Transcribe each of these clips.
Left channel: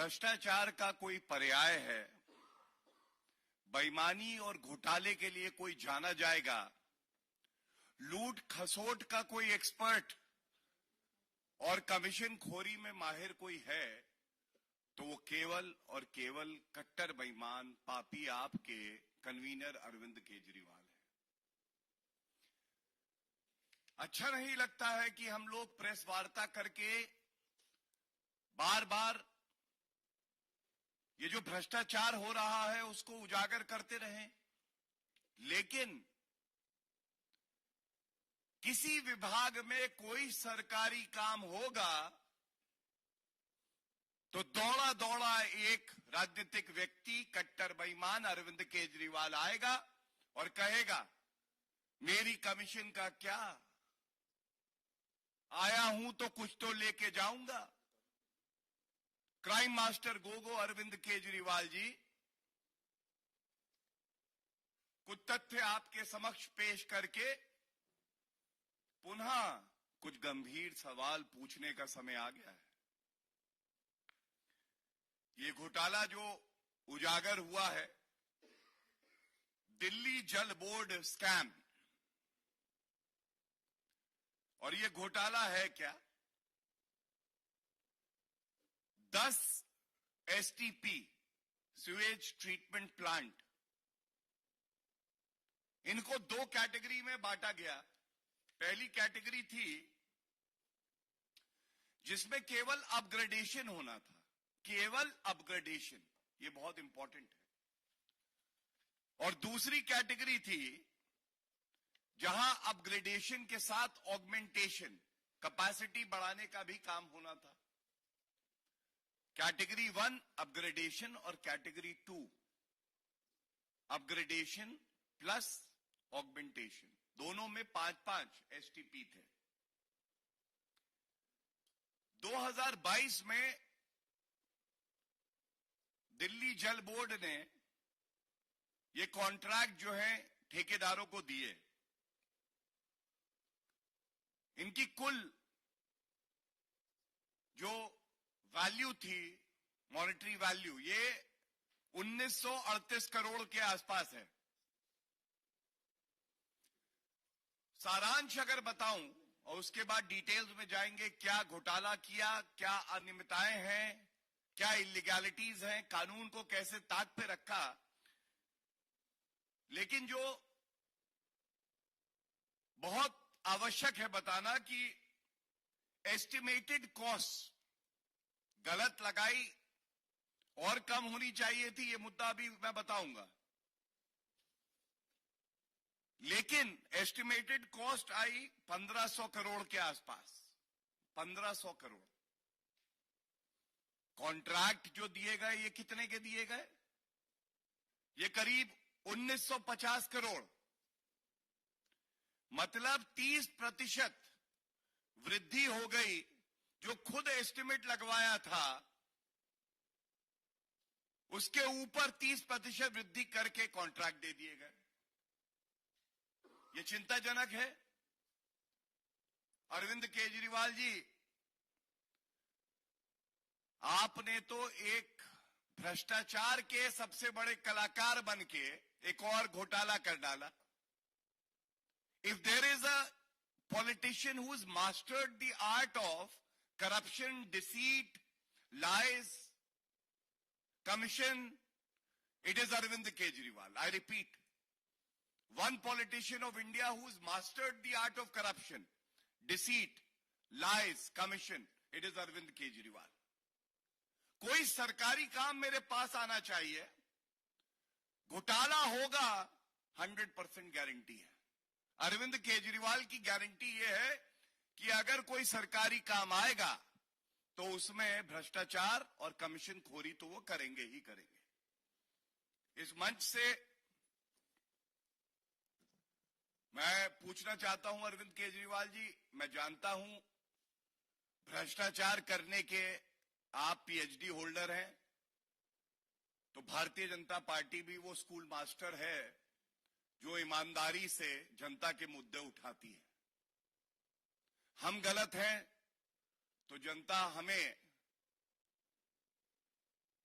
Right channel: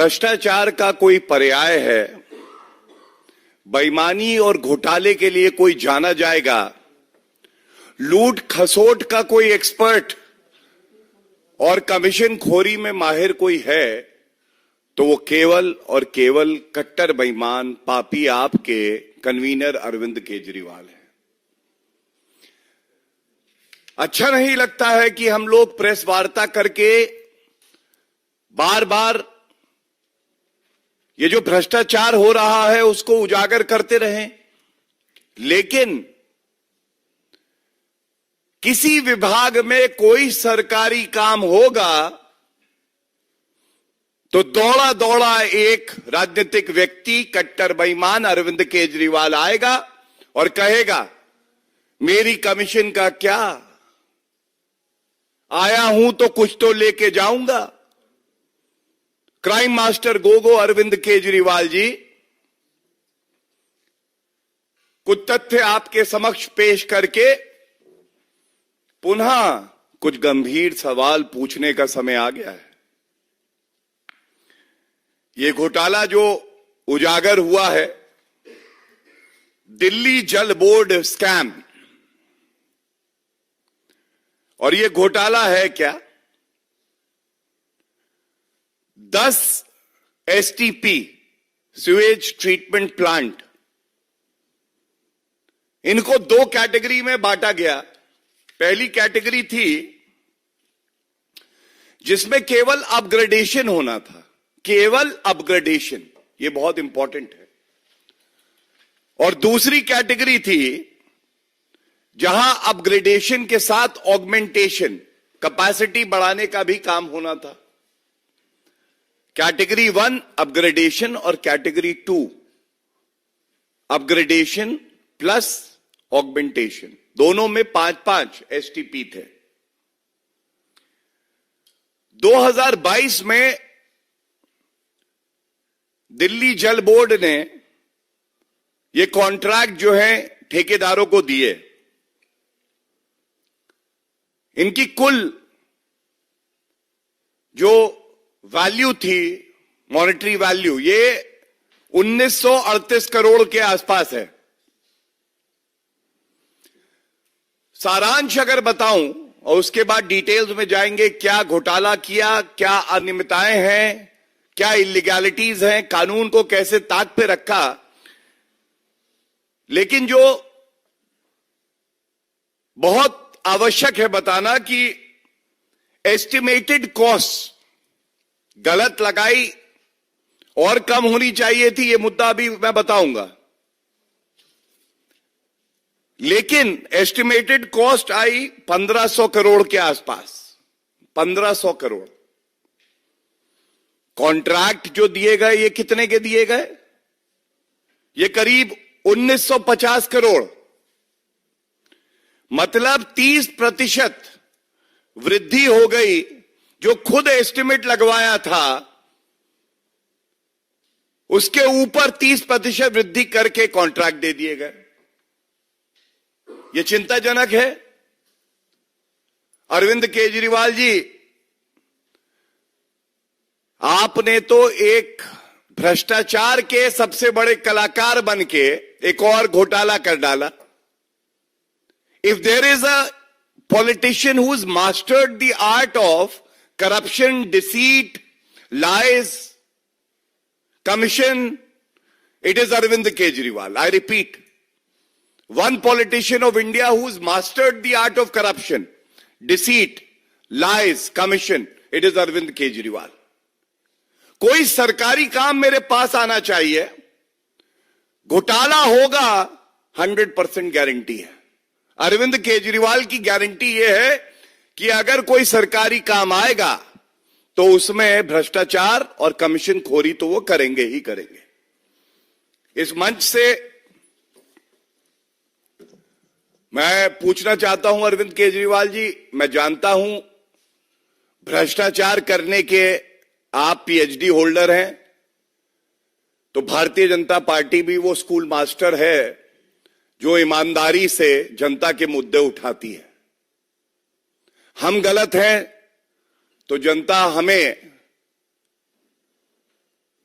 भ्रष्टाचार का कोई पर्याय है, बेईमानी और घोटाले के लिए कोई जाना जाएगा, लूट खसोट का कोई एक्सपर्ट और कमीशन खोरी में माहिर कोई है, तो वो केवल और केवल कट्टर बेईमान पापी आपके कन्वीनर अरविंद केजरीवाल है। अच्छा नहीं लगता है कि हम लोग प्रेस वार्ता करके बार बार ये जो भ्रष्टाचार हो रहा है उसको उजागर करते रहें, लेकिन किसी विभाग में कोई सरकारी काम होगा तो दौड़ा दौड़ा एक राजनीतिक व्यक्ति कट्टर बेईमान अरविंद केजरीवाल आएगा और कहेगा मेरी कमीशन का क्या, आया हूं तो कुछ तो लेके जाऊंगा। क्राइम मास्टर गोगो अरविंद केजरीवाल जी, कुछ तथ्य आपके समक्ष पेश करके पुनः कुछ गंभीर सवाल पूछने का समय आ गया है। ये घोटाला जो उजागर हुआ है, दिल्ली जल बोर्ड स्कैम, और ये घोटाला है क्या? 10 एसटीपी सीवेज ट्रीटमेंट प्लांट, इनको 2 कैटेगरी में बांटा गया। पहली कैटेगरी थी जिसमें केवल अपग्रेडेशन होना था, केवल अपग्रेडेशन, ये बहुत इंपॉर्टेंट है। और दूसरी कैटेगरी थी जहां अपग्रेडेशन के साथ ऑगमेंटेशन, कैपेसिटी बढ़ाने का भी काम होना था। कैटेगरी 1 अपग्रेडेशन और कैटेगरी 2 अपग्रेडेशन प्लस ऑगमेंटेशन, दोनों में 5-5 एसटीपी थे। 2022 में दिल्ली जल बोर्ड ने ये कॉन्ट्रैक्ट जो है ठेकेदारों को दिए। इनकी कुल जो वैल्यू थी, मॉनेटरी वैल्यू, ये 1938 करोड़ के आसपास है। सारांश अगर बताऊं और उसके बाद डिटेल्स में जाएंगे, क्या घोटाला किया, क्या अनियमितताएं हैं, क्या इलीगैलिटीज हैं, कानून को कैसे ताक पे रखा, लेकिन जो बहुत आवश्यक है बताना कि एस्टिमेटेड कॉस्ट गलत लगाई और कम होनी चाहिए थी, ये मुद्दा अभी मैं बताऊंगा। लेकिन एस्टिमेटेड कॉस्ट आई 1500 करोड़ के आसपास, 1500 करोड़। कॉन्ट्रैक्ट जो दिए गए ये कितने के दिए गए? ये करीब 1950 करोड़, मतलब 30% वृद्धि हो गई। जो खुद एस्टिमेट लगवाया था उसके ऊपर 30% वृद्धि करके कॉन्ट्रैक्ट दे दिए गए। यह चिंताजनक है। अरविंद केजरीवाल जी, आपने तो एक भ्रष्टाचार के सबसे बड़े कलाकार बनके एक और घोटाला कर डाला। If there is a politician who's mastered the art of corruption, deceit, lies, commission, it is Arvind Kejriwal. I repeat, one politician of India who's mastered the art of corruption, deceit, lies, commission, it is Arvind Kejriwal. कोई सरकारी काम मेरे पास आना चाहिए, घोटाला होगा, 100% guarantee है। अरविंद केजरीवाल की गारंटी यह है कि अगर कोई सरकारी काम आएगा तो उसमें भ्रष्टाचार और कमीशन खोरी तो वो करेंगे ही करेंगे। इस मंच से मैं पूछना चाहता हूं अरविंद केजरीवाल जी, मैं जानता हूं भ्रष्टाचार करने के आप पीएचडी होल्डर हैं, तो भारतीय जनता पार्टी भी वो स्कूल मास्टर है जो ईमानदारी से जनता के मुद्दे उठाती है। हम गलत हैं तो जनता हमें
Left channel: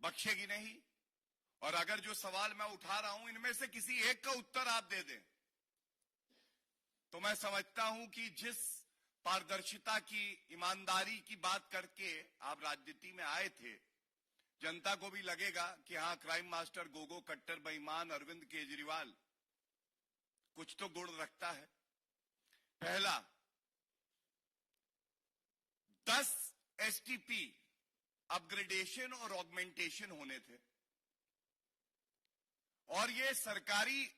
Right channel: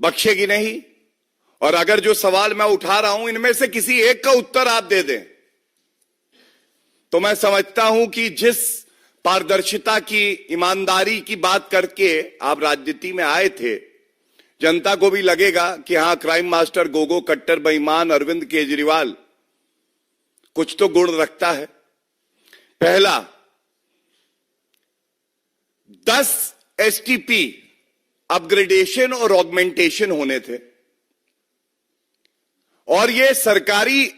बख्शेगी नहीं। और अगर जो सवाल मैं उठा रहा हूं इनमें से किसी एक का उत्तर आप दे दें तो मैं समझता हूं कि जिस पारदर्शिता की, ईमानदारी की बात करके आप राजनीति में आए थे, जनता को भी लगेगा कि हां, क्राइम मास्टर गोगो कट्टर बेईमान अरविंद केजरीवाल कुछ तो गुण रखता है। पहला, 10 एसटीपी अपग्रेडेशन और ऑगमेंटेशन होने थे और ये सरकारी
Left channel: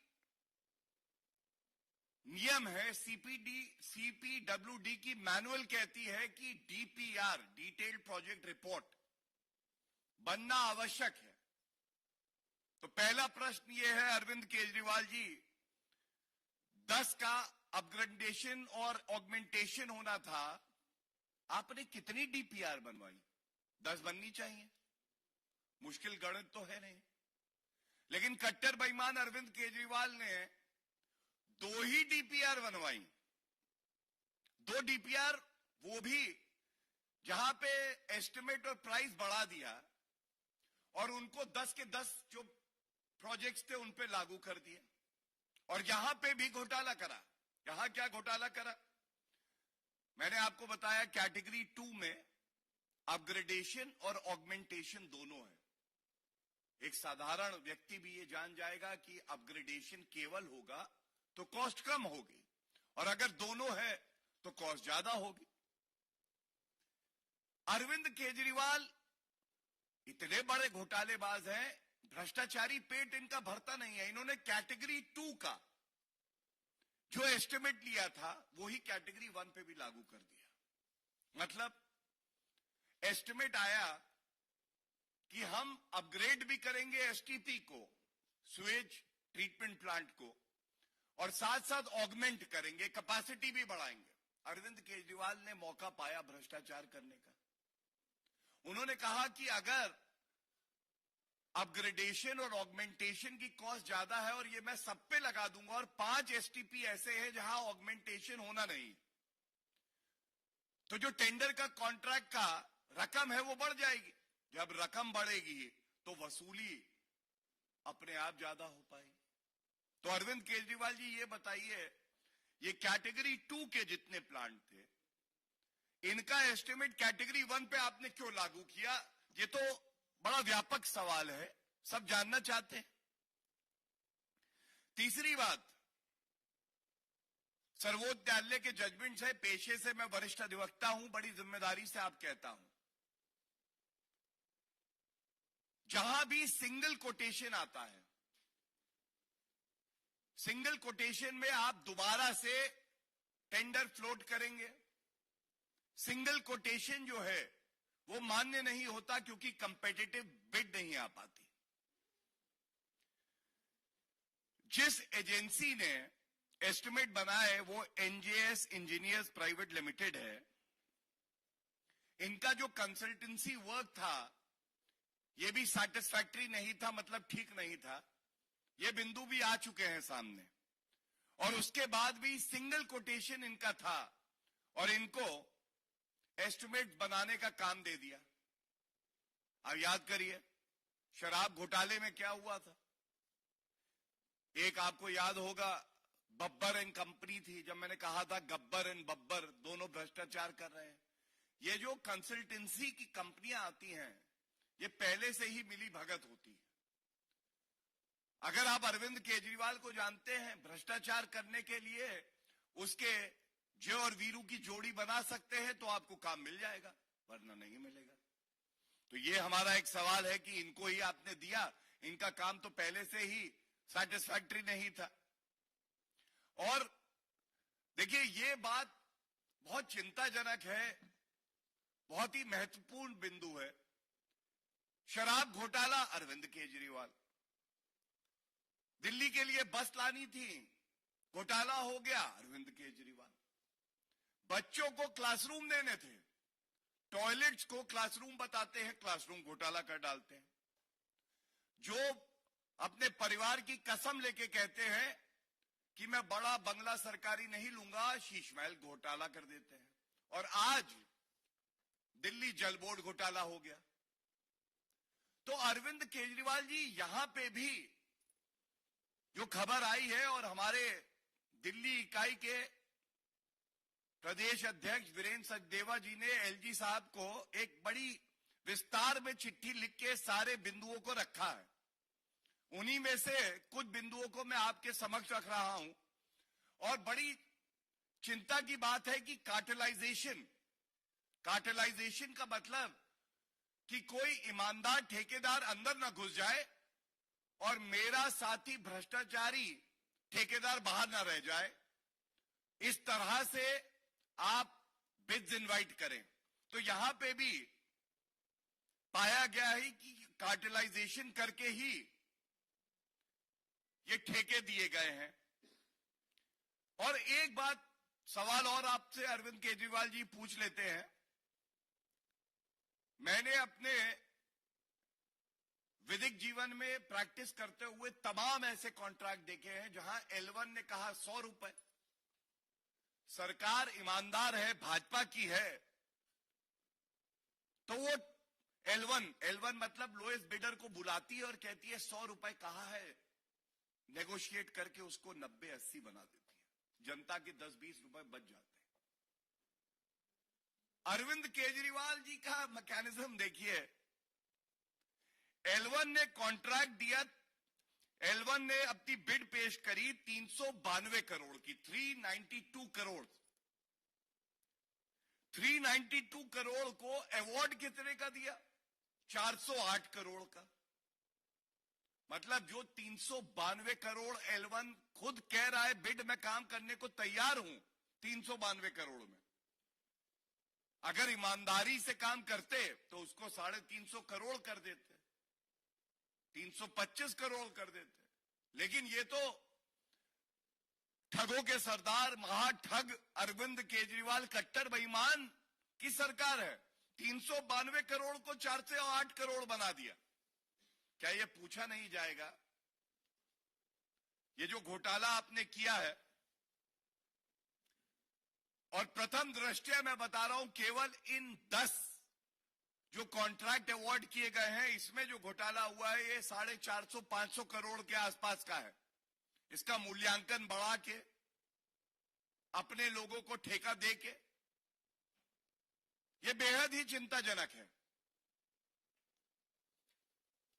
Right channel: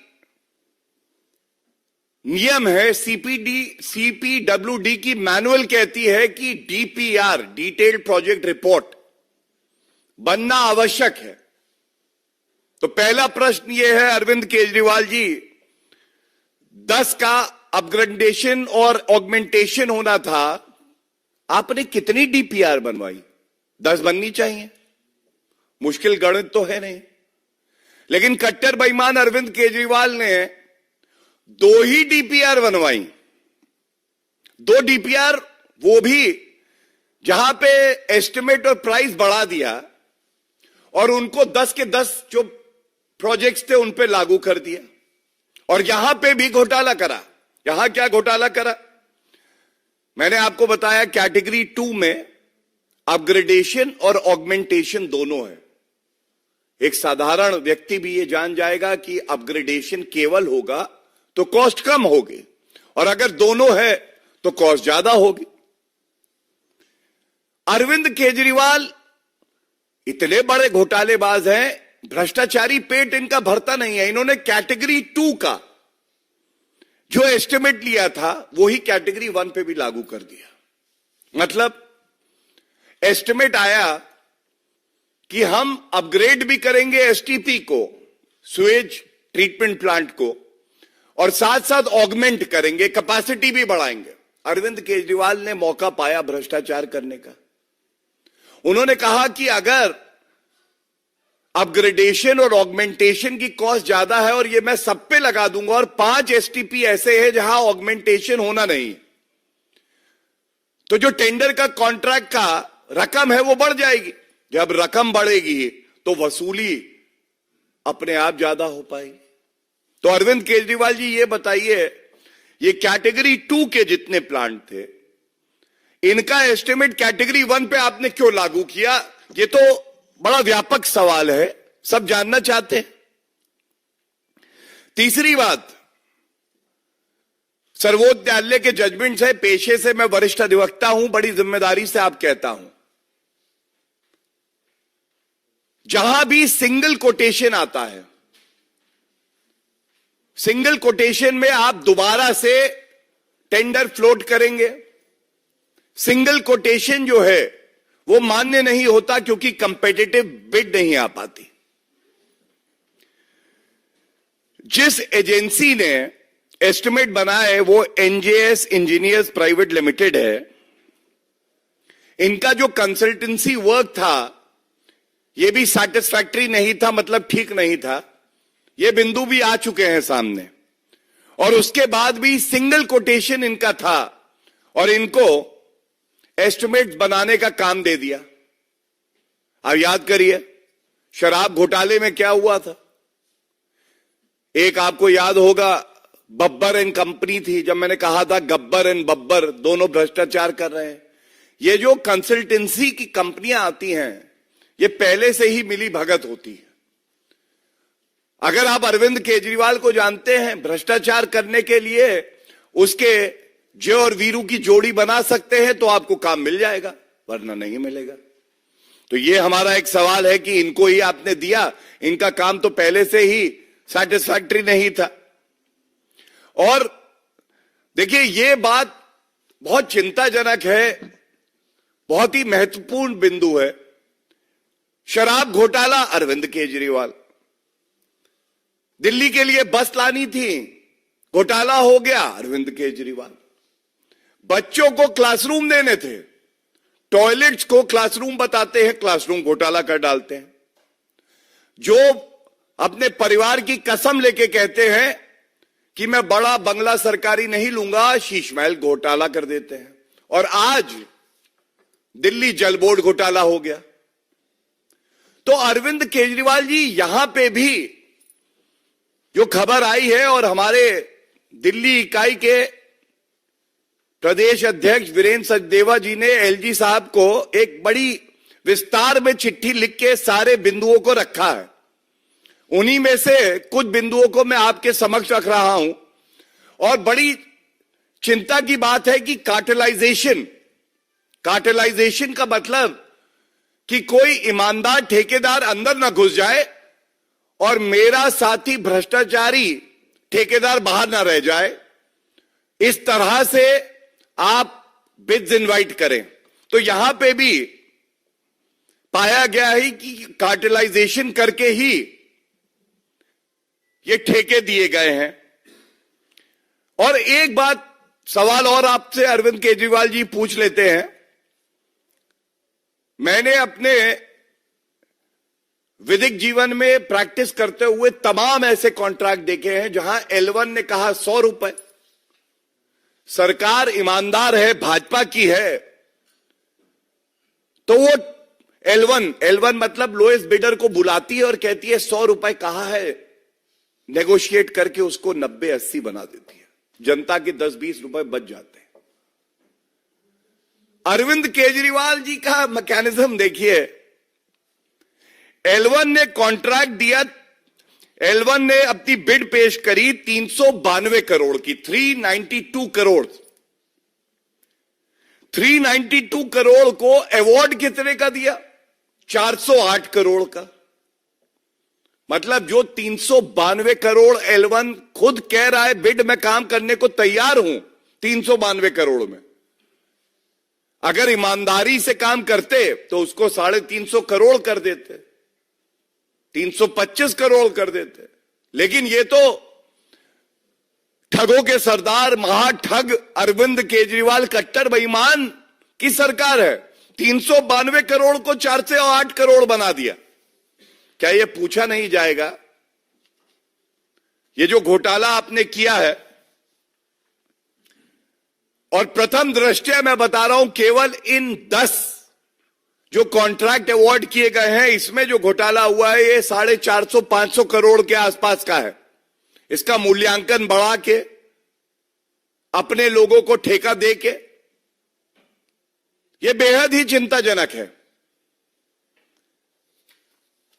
नियम है। सीपीडब्ल्यूडी की मैनुअल कहती है कि डीपीआर, डिटेल्ड प्रोजेक्ट रिपोर्ट, बनना आवश्यक है। तो पहला प्रश्न यह है अरविंद केजरीवाल जी, 10 का अपग्रेडेशन और ऑगमेंटेशन होना था, आपने कितनी डीपीआर बनवाई? 10 बननी चाहिए, मुश्किल गणित तो है नहीं। लेकिन कट्टर बेईमान अरविंद केजरीवाल ने 2 ही डीपीआर बनवाई। 2 डीपीआर, वो भी जहां पे एस्टिमेट और प्राइस बढ़ा दिया और उनको 10 के 10 जो प्रोजेक्ट्स थे उन पे लागू कर दिया। और यहां पे भी घोटाला करा। यहां क्या घोटाला करा? मैंने आपको बताया कैटेगरी 2 में अपग्रेडेशन और ऑगमेंटेशन दोनों है। एक साधारण व्यक्ति भी ये जान जाएगा कि अपग्रेडेशन केवल होगा तो कॉस्ट कम होगी और अगर दोनों है तो कॉस्ट ज्यादा होगी। अरविंद केजरीवाल इतने बड़े घोटालेबाज हैं, भ्रष्टाचारी पेट इनका भरता नहीं है। इन्होंने कैटेगरी 2 का जो एस्टिमेट लिया था वही कैटेगरी 1 पे भी लागू कर दिया। मतलब एस्टिमेट आया कि हम अपग्रेड भी करेंगे एसटीपी को, सुएज ट्रीटमेंट प्लांट को, और साथ साथ ऑगमेंट करेंगे, कैपेसिटी भी बढ़ाएंगे। अरविंद केजरीवाल ने मौका पाया भ्रष्टाचार करने का। उन्होंने कहा कि अगर अपग्रेडेशन और ऑगमेंटेशन की कॉस्ट ज्यादा है और ये मैं सब पे लगा दूंगा और 5 एसटीपी ऐसे हैं जहां ऑगमेंटेशन होना नहीं, तो जो टेंडर का कॉन्ट्रैक्ट का रकम है वो बढ़ जाएगी। जब रकम बढ़ेगी तो वसूली अपने आप ज्यादा हो पाएगी। तो अरविंद केजरीवाल जी ये बताइए, ये कैटेगरी 2 के जितने प्लांट थे इनका एस्टिमेट कैटेगरी 1 पे आपने क्यों लागू किया? ये तो बड़ा व्यापक सवाल है, सब जानना चाहते हैं। तीसरी बात, सर्वोच्च न्यायालय के जजमेंट है, पेशे से मैं वरिष्ठ अधिवक्ता हूं, बड़ी जिम्मेदारी से आप कहता हूं, जहां भी सिंगल कोटेशन आता है, सिंगल कोटेशन में आप दोबारा से टेंडर फ्लोट करेंगे। सिंगल कोटेशन जो है वो मान्य नहीं होता क्योंकि कंपेटिटिव बिड नहीं आ पाती। जिस एजेंसी ने एस्टिमेट बनाया है वो एनजेएस इंजीनियर्स प्राइवेट लिमिटेड है। इनका जो कंसल्टेंसी वर्क था ये भी सैटिस्फैक्टरी नहीं था, मतलब ठीक नहीं था। ये बिंदु भी आ चुके हैं सामने। और उसके बाद भी सिंगल कोटेशन इनका था और इनको एस्टिमेट बनाने का काम दे दिया। आप याद करिए शराब घोटाले में क्या हुआ था। एक आपको याद होगा बब्बर एंड कंपनी थी, जब मैंने कहा था गब्बर एंड बब्बर दोनों भ्रष्टाचार कर रहे हैं। ये जो कंसल्टेंसी की कंपनियां आती हैं ये पहले से ही मिली भगत होती है। अगर आप अरविंद केजरीवाल को जानते हैं भ्रष्टाचार करने के लिए उसके जय और वीरू की जोड़ी बना सकते हैं तो आपको काम मिल जाएगा, वरना नहीं मिलेगा। तो ये हमारा एक सवाल है कि इनको ही आपने दिया, इनका काम तो पहले से ही सैटिस्फैक्टरी नहीं था। और देखिए ये बात बहुत चिंताजनक है, बहुत ही महत्वपूर्ण बिंदु है। शराब घोटाला अरविंद केजरीवाल, दिल्ली के लिए बस लानी थी, घोटाला हो गया अरविंद केजरीवाल। बच्चों को क्लासरूम देने थे, टॉयलेट्स को क्लासरूम बताते हैं, क्लासरूम घोटाला कर डालते हैं। जो अपने परिवार की कसम लेके कहते हैं कि मैं बड़ा बंगला सरकारी नहीं लूंगा, शीश महल घोटाला कर देते हैं। और आज दिल्ली जल बोर्ड घोटाला हो गया। तो अरविंद केजरीवाल जी यहां पे भी जो खबर आई है और हमारे दिल्ली इकाई के प्रदेश अध्यक्ष वीरेंद्र सचदेवा जी ने एलजी साहब को एक बड़ी विस्तार में चिट्ठी लिख के सारे बिंदुओं को रखा है। उन्हीं में से कुछ बिंदुओं को मैं आपके समक्ष रख रहा हूं। और बड़ी चिंता की बात है कि कार्टेलाइजेशन का मतलब कि कोई ईमानदार ठेकेदार अंदर ना घुस जाए और मेरा साथी भ्रष्टाचारी ठेकेदार बाहर ना रह जाए, इस तरह से आप बिड्स इनवाइट करें। तो यहां पे भी पाया गया है कि कार्टेलाइजेशन करके ही ये ठेके दिए गए हैं। और एक बात सवाल और आपसे अरविंद केजरीवाल जी पूछ लेते हैं। मैंने अपने विधिक जीवन में प्रैक्टिस करते हुए तमाम ऐसे कॉन्ट्रैक्ट देखे हैं जहां L1 ने कहा 100 रुपए, सरकार ईमानदार है, भाजपा की है, तो वो L1 मतलब लोएस्ट बिडर को बुलाती है और कहती है 100 रुपए कहा है, नेगोशिएट करके उसको 90-80 बना देती है, जनता के 10-20 रुपए बच जाते हैं। अरविंद केजरीवाल जी का मैकेनिज्म देखिए। L1 ने कॉन्ट्रैक्ट दिया, L1 ने अपनी बिड पेश करी 392 करोड़ की, 392 करोड़। 392 करोड़ को अवार्ड कितने का दिया? 408 करोड़ का। मतलब जो 392 करोड़ L1 खुद कह रहा है बिड में काम करने को तैयार हूं 392 करोड़ में, अगर ईमानदारी से काम करते तो उसको 350 करोड़ कर देते, 325 करोड़ कर देते। लेकिन ये तो ठगों के सरदार महाठग अरविंद केजरीवाल कट्टर बेईमान की सरकार है। 392 करोड़ को 408 करोड़ बना दिया। क्या ये पूछा नहीं जाएगा ये जो घोटाला आपने किया है? और प्रथम दृष्टया मैं बता रहा हूं केवल इन 10 जो कॉन्ट्रैक्ट अवार्ड किए गए हैं इसमें जो घोटाला हुआ है ये 450-500 करोड़ के आसपास का है। इसका मूल्यांकन बढ़ा के अपने लोगों को ठेका दे के ये बेहद ही चिंताजनक है।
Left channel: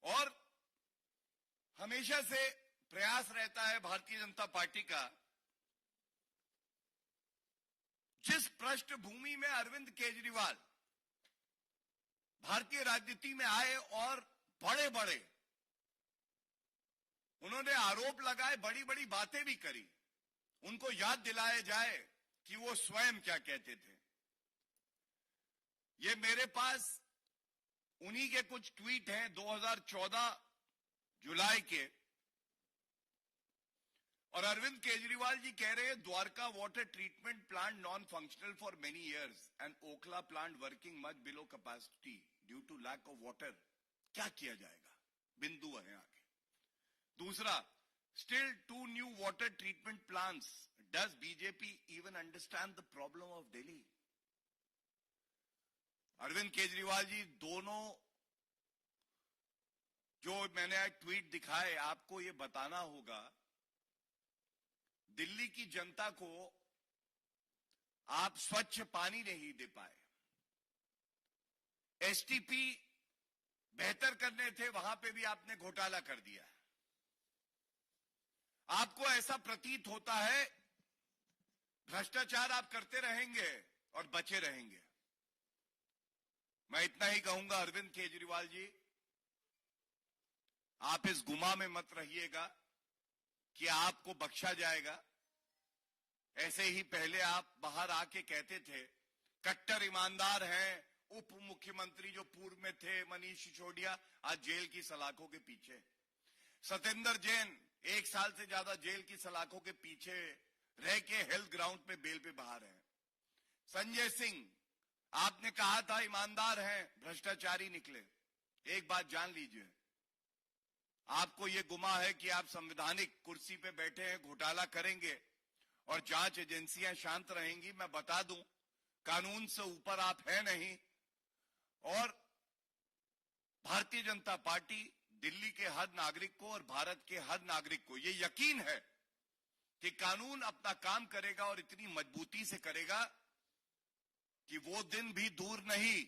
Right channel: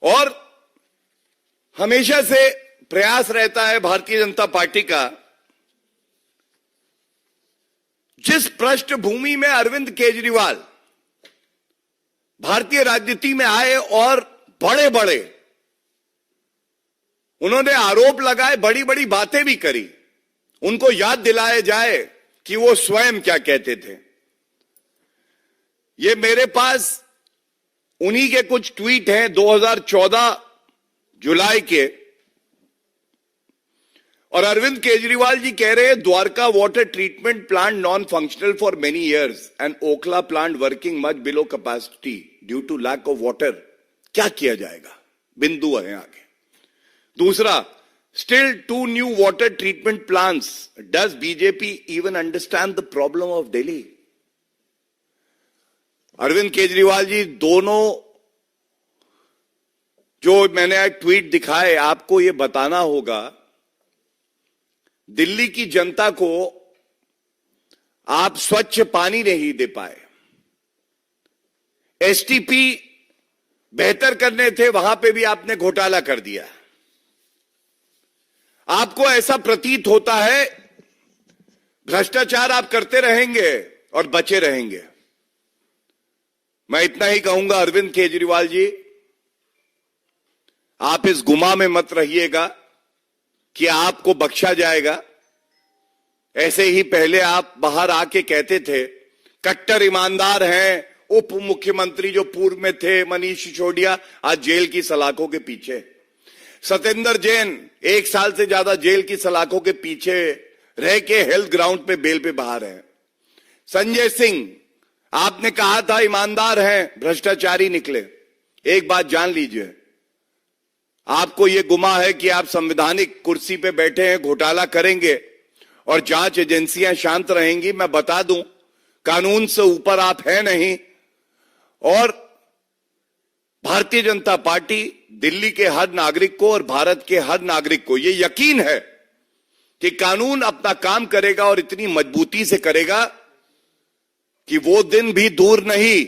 और हमेशा से प्रयास रहता है भारतीय जनता पार्टी का, जिस पृष्ठभूमि में अरविंद केजरीवाल भारतीय राजनीति में आए और बड़े बड़े उन्होंने आरोप लगाए, बड़ी बड़ी बातें भी करी, उनको याद दिलाया जाए कि वो स्वयं क्या कहते थे। ये मेरे पास उन्हीं के कुछ ट्वीट हैं 2014 जुलाई के। और अरविंद केजरीवाल जी कह रहे हैं Dwarka water treatment plant non functional for many years and Okhla plant working much below capacity due to lack of water. क्या किया जाएगा? बिंदु है आगे। दूसरा, still 2 new water treatment plants, does BJP even understand the problem of Delhi? Arvind Kejriwal ji दोनों जो मैंने ट्वीट दिखाए, आपको यह बताना होगा दिल्ली की जनता को आप स्वच्छ पानी नहीं दे पाए। एसटीपी बेहतर करने थे, वहां पे भी आपने घोटाला कर दिया। आपको ऐसा प्रतीत होता है भ्रष्टाचार आप करते रहेंगे और बचे रहेंगे। मैं इतना ही कहूंगा अरविंद केजरीवाल जी, आप इस गुमा में मत रहिएगा कि आपको बख्शा जाएगा। ऐसे ही पहले आप बाहर आके कहते थे कट्टर ईमानदार हैं, उप मुख्यमंत्री जो पूर्व में थे मनीष सिसोदिया आज जेल की सलाखों के पीछे, सत्येंद्र जैन 1 साल से ज्यादा जेल की सलाखों के पीछे रह के हेल्थ ग्राउंड पे बेल पे बाहर है। संजय सिंह आपने कहा था ईमानदार हैं, भ्रष्टाचारी निकले। एक बात जान लीजिए, आपको यह गुमा है कि आप संवैधानिक कुर्सी पे बैठे हैं, घोटाला करेंगे और जांच एजेंसियां शांत रहेंगी। मैं बता दूं कानून से ऊपर आप हैं नहीं। और भारतीय जनता पार्टी दिल्ली के हर नागरिक को और भारत के हर नागरिक को ये यकीन है कि कानून अपना काम करेगा और इतनी मजबूती से करेगा कि वो दिन भी दूर नहीं।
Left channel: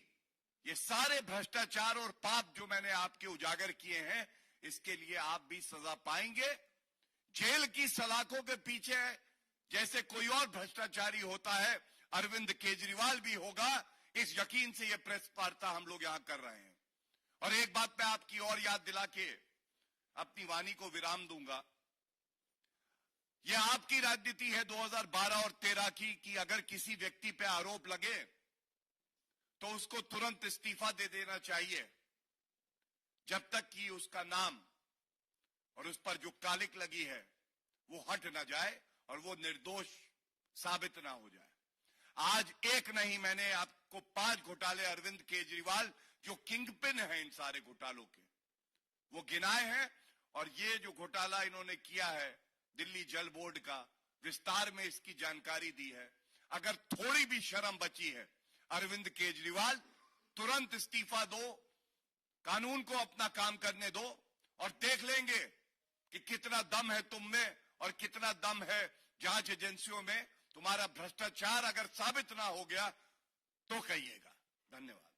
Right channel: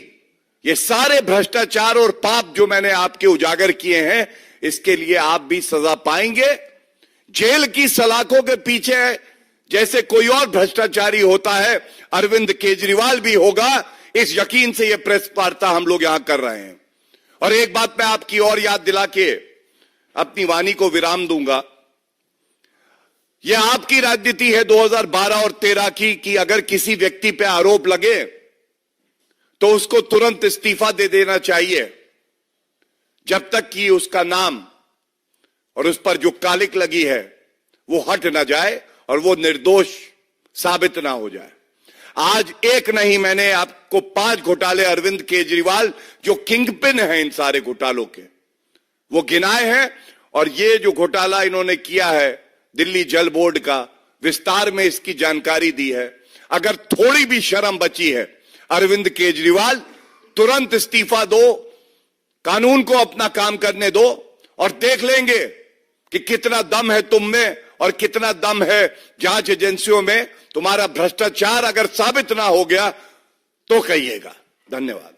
ये सारे भ्रष्टाचार और पाप जो मैंने आपके उजागर किए हैं, इसके लिए आप भी सजा पाएंगे। जेल की सलाखों के पीछे जैसे कोई और भ्रष्टाचारी होता है, अरविंद केजरीवाल भी होगा। इस यकीन से ये प्रेस वार्ता हम लोग यहां कर रहे हैं। और एक बात मैं आपकी और याद दिला के अपनी वाणी को विराम दूंगा। यह आपकी राजनीति है 2012 और 13 की कि अगर किसी व्यक्ति पे आरोप लगे तो उसको तुरंत इस्तीफा दे देना चाहिए, जब तक कि उसका नाम और उस पर जो कालिक लगी है वो हट ना जाए और वो निर्दोष साबित ना हो जाए। आज एक नहीं, मैंने आपको 5 घोटाले अरविंद केजरीवाल जो किंगपिन हैं इन सारे घोटालों के, वो गिनाए हैं। और ये जो घोटाला इन्होंने किया है दिल्ली जल बोर्ड का, विस्तार में इसकी जानकारी दी है। अगर थोड़ी भी शर्म बची है, अरविंद केजरीवाल तुरंत इस्तीफा दो, कानून को अपना काम करने दो और देख लेंगे कि कितना दम है तुम में और कितना दम है जांच एजेंसियों में। तुम्हारा भ्रष्टाचार अगर साबित ना हो गया तो कहिएगा। धन्यवाद।